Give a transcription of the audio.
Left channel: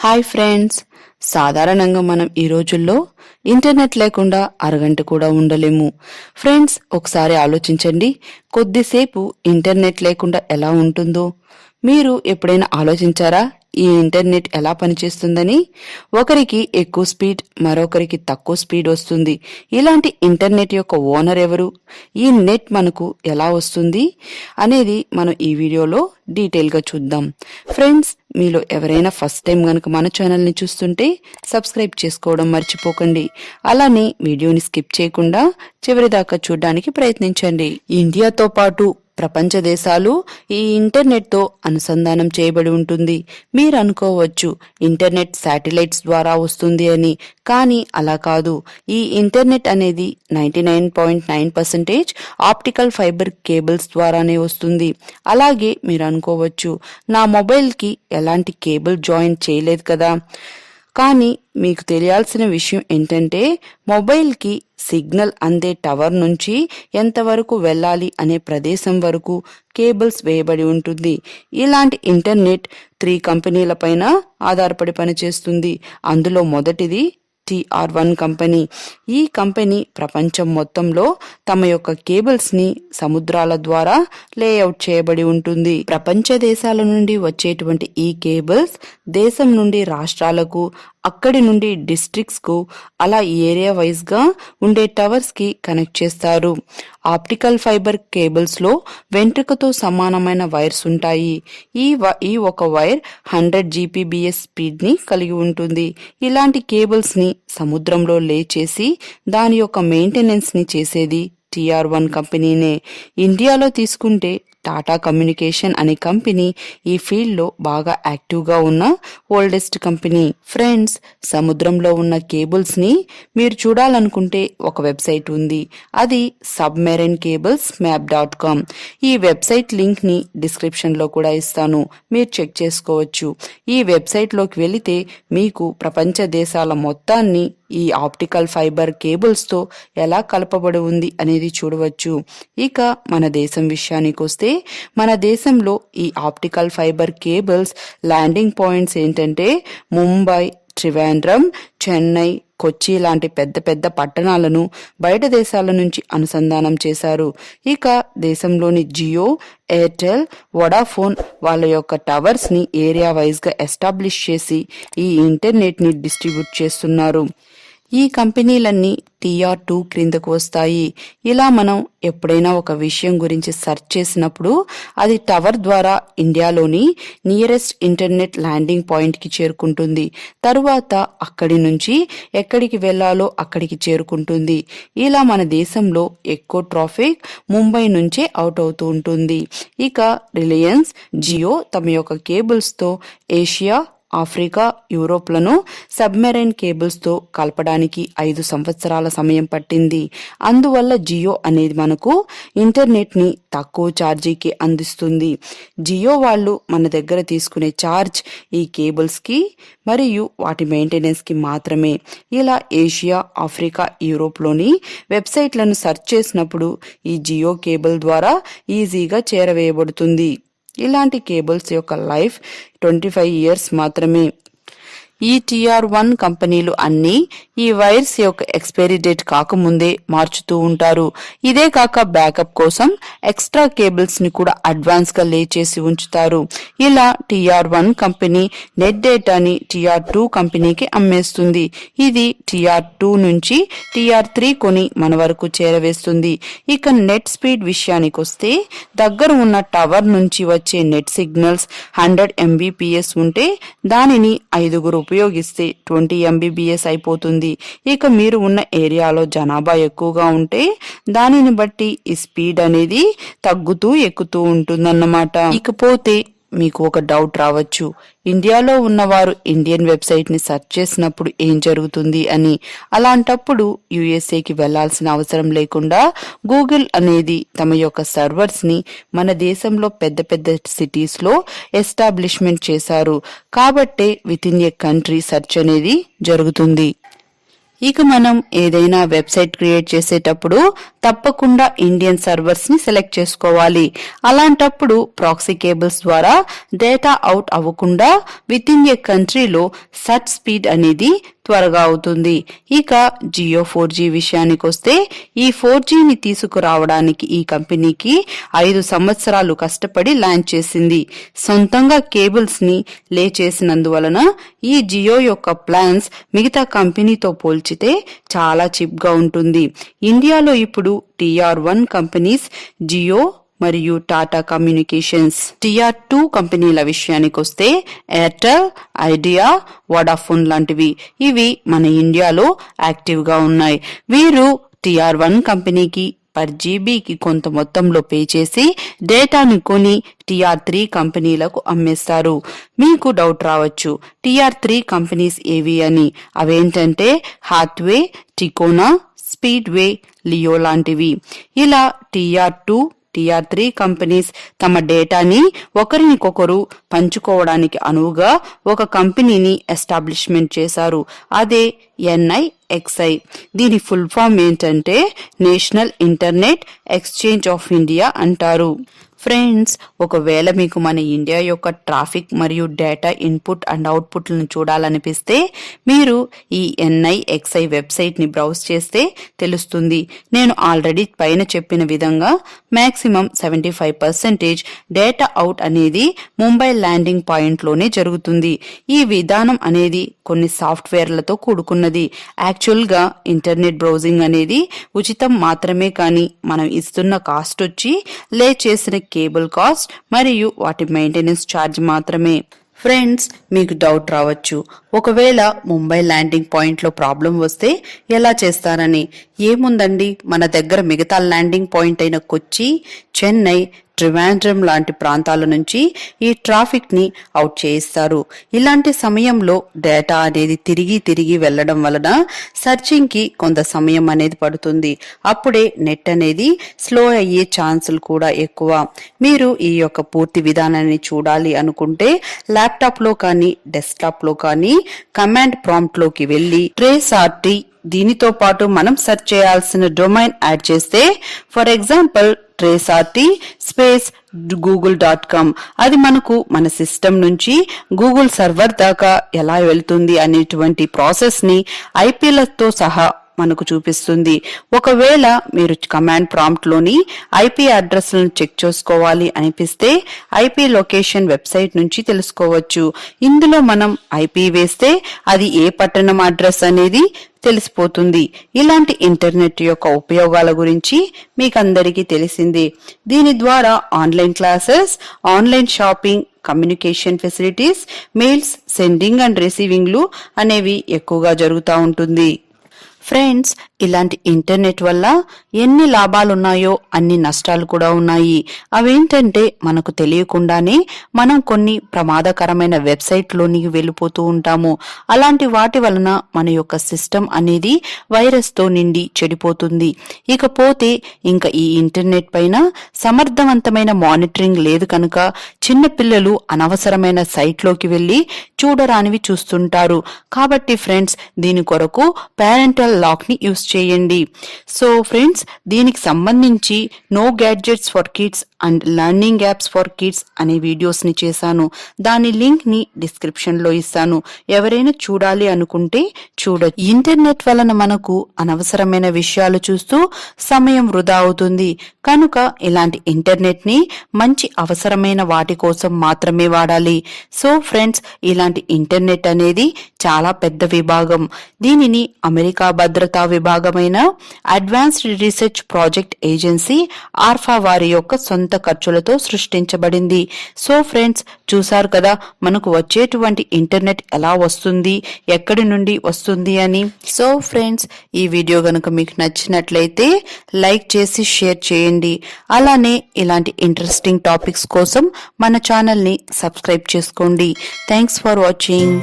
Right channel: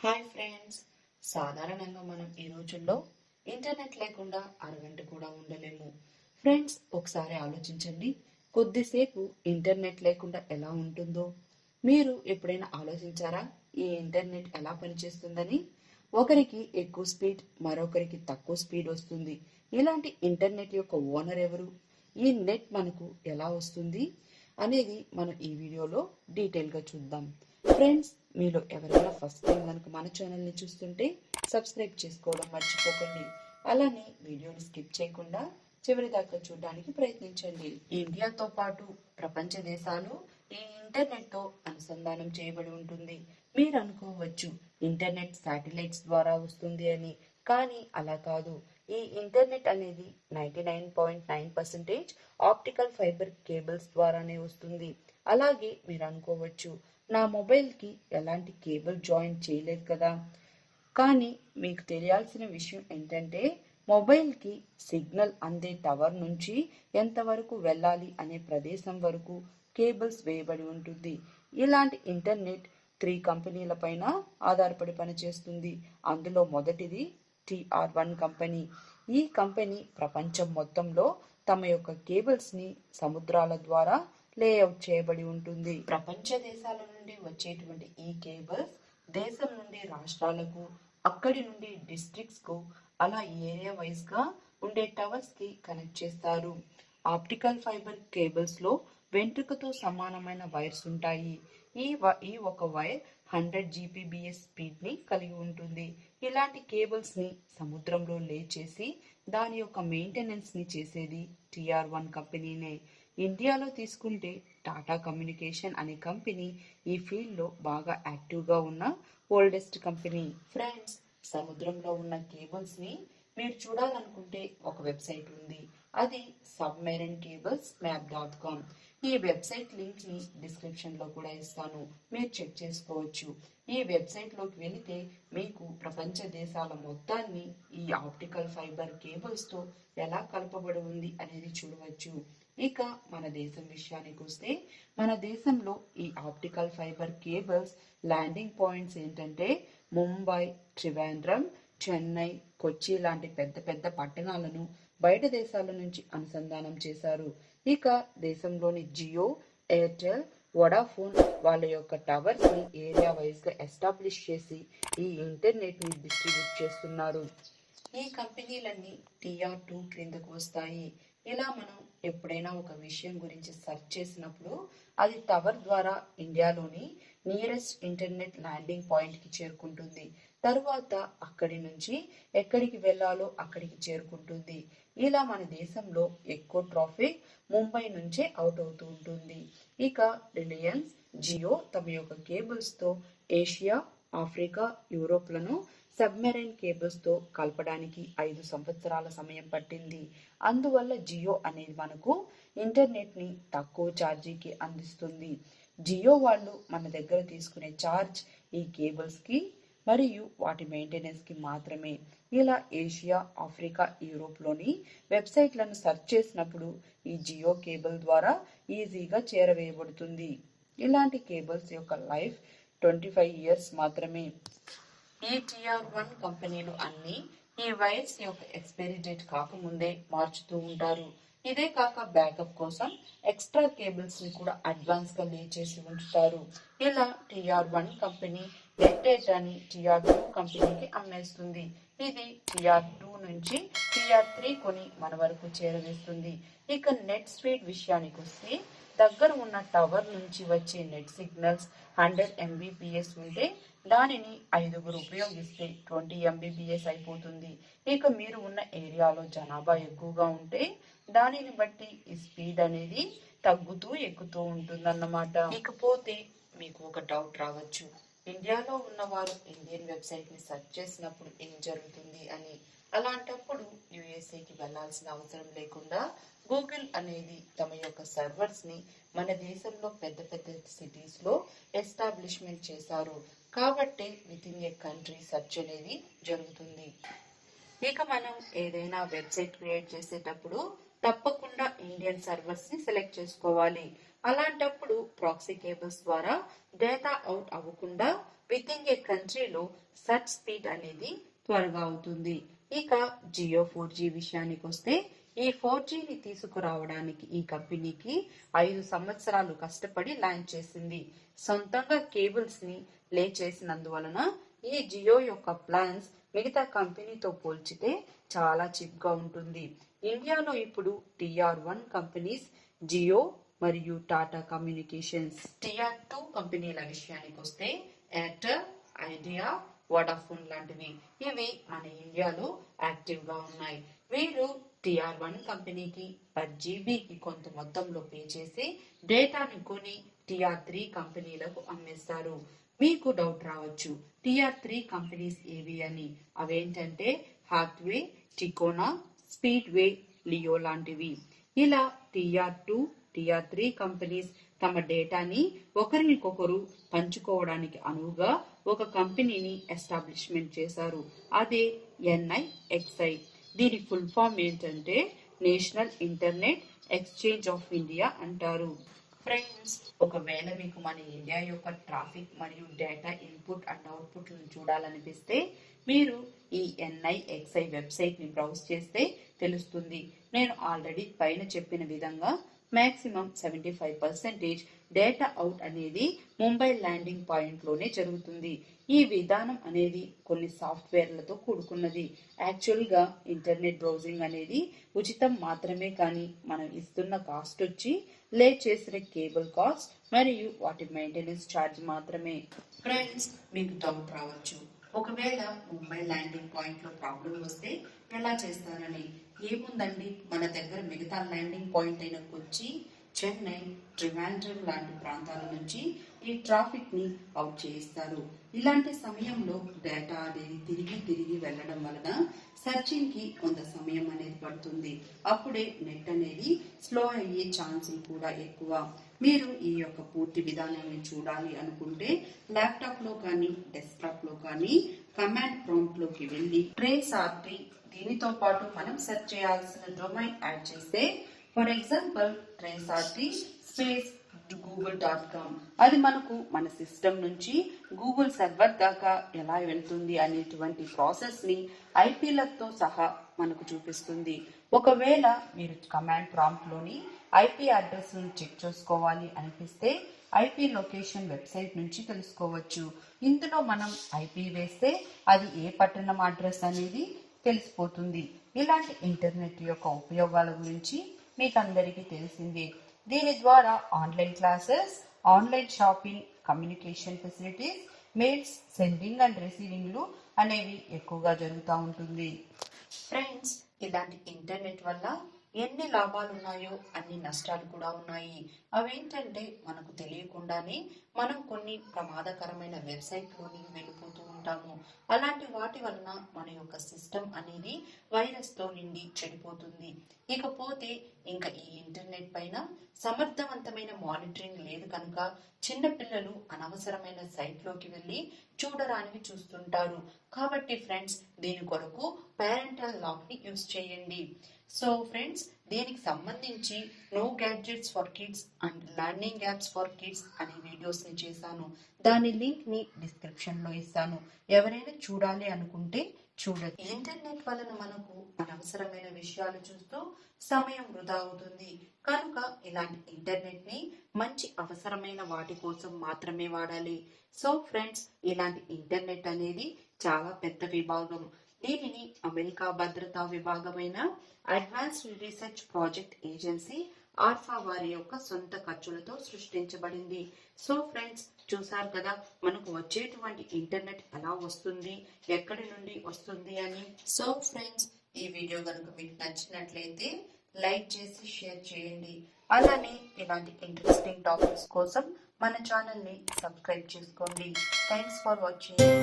Hi friends, సాధారణంగా మనం ఈ రోజుల్లో ఇంటర్నెట్ లేకుండా అరగంట కూడా ఉండలేము. ఫ్రెండ్స్, ఒకసారి ఆలోచించండి, కొద్దిసేపు ఇంటర్నెట్ లేకుండా ఎలా ఉంటుందో. మీరు ఎప్పుడైనా ఆలోచించారా ఈ ఇంటర్నెట్ ఎలా పనిచేస్తుందని? ఒకరికి ఎక్కువ స్పీడ్, మరొకరికి తక్కువ స్పీడ్ వస్తుంది. ఇలాంటి ఇంటర్నెట్ యొక్క ఓనర్ ఎవరు? ఈ నెట్ మనకు ఎలా వస్తుంది అనేది మనం ఈ వీడియోలో డీటెయిల్గా చూద్దాం. ఫ్రెండ్స్, మీలో ఎవరైనా ఫస్ట్ టైం కనుక మన ఛానల్ని చూస్తుంటే సబ్స్క్రైబ్ చేసుకోవడం మర్చిపోకండి. అలానే వీడియోని స్కిప్ చేయకుండా చివరిదాకా చూడడానికి ప్రయత్నించండి. ఇండియాతో పాటు ప్రపంచ దేశాలు ఈ ఇంటర్నెట్తో అనుసంధానం చేయబడి ఉంటుంది. మీరు అనుకోవచ్చు ఇంటర్నెట్ శాటిలైట్స్ ద్వారా వస్తుంది అని, కానీ అలా కాదు. ఈ ఇంటర్నెట్ అనేది 99.9% ఆప్టికల్ ఫైబర్ కేబుల్స్ ద్వారానే వస్తుంది. అలాగే మీరు అనుకోవచ్చు, నా మొబైల్కి ఎలాంటి కేబుల్ జాయిన్ చేయలేదు కదా. కానీ మీకు తెలియాల్సిన విషయం ఏంటంటే, మొబైల్కి సిగ్నల్ అందే టవర్ నుంచి ఎంతవరకు వెళ్ళాలి అనే ప్రదేశం వరకు కేబుల్స్ వేయబడి ఉంటుంది. ఇలాంటి ఇంటర్నెట్ 3 కంపెనీల పైన ఆధారపడి పనిచేస్తుంది. అందులో మొదటిది TR1 కంపెనీ. ఈ కంపెనీ ప్రపంచం మొత్తంలో తమ యొక్క కేబుల్స్ ని సముద్రాల ద్వారా లేఅవుట్ చేయబడి ఉంటుంది. ప్రపంచ దేశాల నుండి వచ్చేటువంటి ఈ కేబుల్స్ దేశం నుండి రాష్ట్రాలకు, అక్కడి నుండి డిస్ట్రిక్ట్స్ కు, అలా ఏరియా వైజ్ గా ఉండే టవర్స్ కి కనెక్ట్ చేస్తారు. ఆప్టికల్ ఫైబర్ కేబుల్స్ లో వెంట్రుకతో సమానమైన వైర్స్ ఉంటాయి. ఈ ఒక వైర్ 100 GPBS స్పీడ్ ని కలిగి ఉంటుంది. ఇలాంటి కేబుల్స్ ని సముద్రంలో లే చేసి దాని యొక్క మెయింటెనెన్స్ ని చేసేది TR1 కంపెనీనే. ఇండియాలో తీసుకుంటే టాటా కమ్యూనికేషన్ అనే కంపెనీ ఈ ఫీల్డ్ లో బాగా యాక్టివ్ గా ఉన్న ఓల్డెస్ట్ కంపెనీ. ఫ్రెండ్స్, సముద్రంలో ఉన్న కేబుల్స్ ని మీరు చూడాలనుకుంటే ఒక వెబ్సైట్ ఉంది. అది సబ్మెరైన్ కేబుల్స్ మ్యాప్.com. ఈ వెబ్సైట్ లింక్ ని డిస్క్రిప్షన్ లో కూడా ఇస్తాను, మీరు చెక్ చేసుకోవచ్చు. ఈ వెబ్సైట్ లోకి వెళితే మీకు ప్రపంచ దేశాల మొత్తాన్ని ఈ ఆప్టికల్ ఫైబర్ కేబుల్స్ తో ఎలా కలపబడి ఉంది అనేది చూడవచ్చు. ఇక మన దేశం విషయానికి వస్తే, మన దేశంలో ఈ optical fibre cables landing points ఏంటంటే ముంబై, త్రివేంద్రం, చెన్నై, కొచ్చి లాంటి పెద్ద పెద్ద పట్టణాలను బయట దేశాల నుంచి అనుసంధానం చేశారు. ఇక దేశంలోని జియో, ఎయిర్టెల్, వోడాఫోన్ వాళ్ళ యొక్క టవర్స్ ని ఏరియా వైజ్ గా ఎస్టాబ్లిష్ చేసి ఈ ఇంటర్నెట్ ని డిస్ట్రిబ్యూట్ చేస్తున్నారు. ఈ కంపెనీలన్నీ TR2 క్రిందకు వస్తాయి. ఇలా మనం ఎప్పుడైనా ఒక విషయం గురించి సెర్చ్ చేసినప్పుడు అది టవర్ ద్వారా ఇండియాలోని నియరెస్ట్ ఇంటర్నెట్ ల్యాండింగ్ పాయింట్ కి చేరుకుంటుంది. తరువాత అక్కడి నుంచి ఎక్కడికి వెళ్లాలో అక్కడికి చేరుకుంటుంది. ఇలా మన దేశంలో ఎక్కువ ట్రాఫిక్ ముంబై నుంచే అవుట్ అవుతూ ఉంటుంది. ఇక రిలయన్స్, జియో తమ యొక్క కేబుల్స్ తో ఏషియా, ఆఫ్రికా, యూరోప్లను సబ్మెరైన్ కేబుల్స్ తో కలపడానికి 5 సంవత్సరాల సమయం పట్టింది. అందువల్ల జియో అనేది మనకు ఇంటర్నెట్ ని తక్కువ ఛార్జీకి అందిస్తుంది. జియో వాళ్ళు మన దగ్గర తీసుకునే ఛార్జ్ ఈ కేబుల్స్ కి మరియు వాటి మెయింటెనెన్స్ కి మాత్రమే. ఇలా ఏషియా, ఆఫ్రికా, యూరోప్లోని వెబ్సైట్లను సెర్చ్ చేసినప్పుడు ఈ జియో కేబుల్ ద్వారా ఈజీగా చేరవేయబడుతుంది. ఇలాంటి కేబుల్స్ యొక్క లైఫ్ 25 years మాత్రమే. ఈ TR1 కంపెనీలు అన్నీ ఈ వైర్స్ యొక్క ఎక్స్పైరీ డేట్ కాకముందే మార్చుతూ ఉంటారు. ఇదే కాక బ్యాకప్ కోసం ఎక్స్ట్రా కేబుల్స్ ని కూడా అడ్వాన్స్ గా లే చేసి ఉంచుతారు. ఇలా TR1 కంపెనీ నెట్ డేటాని TR2 కంపెనీకి అమ్మేస్తుంది. ఇది TR2 నుంచి TR3 కొని మన వరకు చేరవేస్తుంది. ఇక నెట్ స్పీడ్ విషయానికి వస్తే, దగ్గర ఉన్న టవర్ నుంచి వచ్చే నెట్ సిగ్నల్స్ 100 MBPS ఉంటే దానిని 5 ఉపయోగిస్తే 20 MBPS అయిపోతుంది. ఇక మీరు ఉన్న ఏరియాలో జనాభా ఎక్కువగా ఉంటే దానిని బట్టి ఈ స్పీడ్ అనేది తగ్గుతూ ఎక్కుతూ ఉంటుందన్నమాట. ఇకపోతే మీకు ఒక డౌట్ రావచ్చు, ఇండియాలో ఉన్నవారు ఇండియన్ వెబ్సైట్ ని సెర్చ్ చేసినప్పుడు ఏం జరుగుతుంది అని. అలాంటప్పుడు USA కి వెళ్లాల్సిన అవసరం లేకుండా గూగుల్ అనేది తమ యొక్క సర్వర్స్ ని మన దేశంలో పెద్ద పెద్ద సిటీస్ లో ఎస్టాబ్లిష్మెంట్ చేశారు. కాబట్టే with in a country search అనేది జరుగుతుంది. ఇక మనం ఏదైనా వెబ్సైట్ క్రియేట్ చేసేటప్పుడు తప్పకుండా ఇండియన్ సర్వర్స్ ని సెలెక్ట్ చేసుకోవాలి. అలాంటప్పుడు ప్రాక్సీ కేబుల్స్ ద్వారా డేటా అవుట్ అవ్వకుండా విత్ ఇన్ ఏ కంట్రీలో సర్చ్ స్పీడ్ అనేది త్వరగా అవుతుంది. ఇక జియో 4G విషయానికి వస్తే ఈ 4Gని తీసుకురావడానికి ఈ కంపెనీకి 5 సంవత్సరాలు కష్టపడి లాంచ్ చేసింది. సొంతంగా కేబుల్స్ ని లే చేసినందువలన ఈ జియో యొక్క ప్లాన్స్ మిగతా కంపెనీతో పోల్చితే చాలా చీప్ గా ఉంటుంది. ఇండియాలో ఇప్పుడు TR1 కంపెనీస్ జియో మరియు టాటా కమ్యూనికేషన్స్. TR2 కంపెనీల విషయానికి వస్తే ఎయిర్టెల్, ఐడియా, వోడాఫోన్ లాంటివి ఇవి మన ఇండియాలో యాక్టివ్ గా ఉన్నాయి. వీరు TR1 కంపెనీకి పర్ జీబీకి కొంత మొత్తంలో పే చేసి డేటాను కొని TR3 కంపెనీలకు అమ్మేస్తారు. మీకు డౌట్ రావచ్చు, TR3 కంపెనీస్ ఏవి అని. అవేంటంటే హాత్వే, టికోనా, స్పీడ్వే, లియో లాంటివి. ఇలా TR2 TR3 కంపెనీస్ తమ డేటాని ఒకరినికొకరు పంచుకోవడానికి అనువుగా ఒక కంపెనీని ఎస్టాబ్లిష్మెంట్ చేశారు. అదే NIXI. దీని ఫుల్ ఫామ్ ఏంటంటే national internet exchange of India అంటారు. ఫ్రెండ్స్, ఒకవేళ మీకు మన ఇండియా యొక్క ట్రాఫిక్ మరియు డేటా ఇన్పుట్ అండ్ అవుట్పుట్లను చూడాలనిపిస్తే మీరు ఈ NIXI వెబ్సైట్ని బ్రౌజ్ చేస్తే తెలుస్తుంది. నేను ఆల్రెడీ పైన చెప్పిన విధంగా మ్యాక్సిమం 75% డేటా అవుట్ అనేది ముంబై ల్యాండింగ్ పాయింట్లోనే జరుగుతుంది. ఈ విధానం అనేది కొన్ని సాఫ్ట్వేర్లతో కూడుకున్నది. యాక్చువల్గా ఇంటర్నెట్ బ్రౌజింగ్ అనేది ఉచితం మాత్రమే, కానీ మనం ఇస్తున్న కాస్ట్ వచ్చి లే చేసిన కేబుల్ కాస్ట్ మరియు వాటి మెయింటెనెన్స్ ఛార్జ్ మాత్రమే. ఫ్రెండ్స్, మీకు డౌట్ రావచ్చు, ఒకవేళ ముంబై ల్యాండింగ్ పాయింట్లో ప్రాబ్లం వస్తే ఎలా చేస్తారని. ఏముందండి, మన దగ్గర మిగతా ల్యాండింగ్ పాయింట్ అయిన కొచ్చి, చెన్నై, ట్రివాండ్రం లాంటి ప్రాంతాల నుంచి ఈ ట్రాఫిక్ ని అవుట్ చేయిస్తారు. ఇలాంటి సమయంలో డేటా అనేది తిరిగి వెళ్లడం వలన సర్చింగ్ కి కొంత సమయం అనేది పడుతుంది. అప్పుడే నెట్ అనేది స్లో అయ్యే ఛాన్సులు కూడా ఎక్కువ. మీరు ఈ యొక్క పూర్తి విధానాన్ని చూడాలి అనుకుంటే ల్యాప్టాప్ లో కానీ డెస్క్టాప్ లో కానీ కమాండ్ ప్రాంప్ట్ లోకి వెళ్లి ట్రేస్ఆర్టీ, దీనితో పాటు మనం సెర్చ్ చేయాల్సిన డొమైన్ యాడ్ చేస్తే, ఫర్ ఎగ్జాంపుల్ ట్రేస్ఆర్టీ స్పేస్ google.com, అది మనకు మన సిస్టమ్ నుంచి గూగుల్ సర్వర్ దాకా ఎలా వెళ్తుంది అనేటువంటి ప్రాసెస్ ని ఐపీలతో సహా మనకు చూపిస్తుంది. ఒకవేళ మీరు కమాండ్ ప్రాంప్ట్ లోని IP అడ్రస్లను చెక్ చేసుకోవాలి అనిపిస్తే IP లొకేషన్ వెబ్సైట్ నుంచి తెలుసుకోవచ్చు. ఇందులో మనం IP వేస్తే అది ఏ పట్టణం అడ్రస్ అనేది తెలిసిపోతుంది. ఇలాంటి ఇంటర్నెట్ యొక్క ఉపయోగాల గురించి మీకందరికీ తెలిసింది. దీని ద్వారా online classes, online shopping, communication facilities, mails sending and రిసీవింగ్లు అనేవి ఎక్కువగా జరుగుతూ ఉంటుంది. ఫ్రెండ్స్, ఇలాంటి ఇంటర్నెట్ వల్ల ఎన్ని లాభాలున్నాయో అన్ని నష్టాలు కూడా ఉన్నాయి. అవేంటంటే మనకు తెలియకుండానే మనం కొన్ని ప్రమాదకరమైన వెబ్సైట్లోనికి వెళ్ళిపోతూ ఉంటాము. అలాంటి వాటి వలన మన యొక్క సిస్టమ్ అనేది వైరస్తో నిండి చెడిపోతుంది. ఇకపోతే ఇంకా ఈ ఇంటర్నెట్ పైన సమర్థవంతమైన మానిటరింగ్ లేదు కనుక చిన్న పిల్లలు అనవసరమైన సైట్లోకి వెళ్ళి చూడరానివి చూస్తుంటారు. కాబట్టి ఫ్రెండ్స్, దీని కొరకు పేరెంటల్ లాక్ ని యూస్ చేయండి. సో ఫ్రెండ్స్, దీనికి సంబంధించి no gadgets for kids and learning apps for kids అనే వీడియోస్ ని చేశాను. దాని లింక్ ని డిస్క్రిప్షన్ లో ఇస్తాను. ఎవరైనా చూడాలి అనుకుంటే చూడొచ్చు. ఇంటర్నెట్ వలన మనకు అనవసరమైన విషయాలు చూస్తూ సమయం వృధా అవుతుంది కనుక ఇలాంటి ఇంటర్నెట్ ని మంచి అవసరమైన వాటి కోసం మాత్రమే వాడాలి. సో ఫ్రెండ్స్, ఇలాంటి ఇంటర్నెట్ అనేది చాలా పెద్ద విభాగం. దీనిని అమెరికా భద్రతా విభాగమైన advanced research project agency ARPA వారి యొక్క సొంత ఖర్చులతో సృష్టించబడింది. సో ఫ్రెండ్స్, చూసారు కదా మనకు వచ్చేటువంటి ఇంటర్నెట్ ఎలా వస్తుంది, ఎక్కడి నుండి వస్తుంది అని. సో ఫ్రెండ్స్, ఈ వీడియో గనుక మీకు నచ్చినట్లయితే లైక్ చేసి షేర్ చేయండి. అలానే ఇలాంటి ఇంట్రెస్టింగ్ టాపిక్స్ కోసం మన ఛానల్ ని సబ్స్క్రైబ్ చేసుకోండి. Thanks for watching.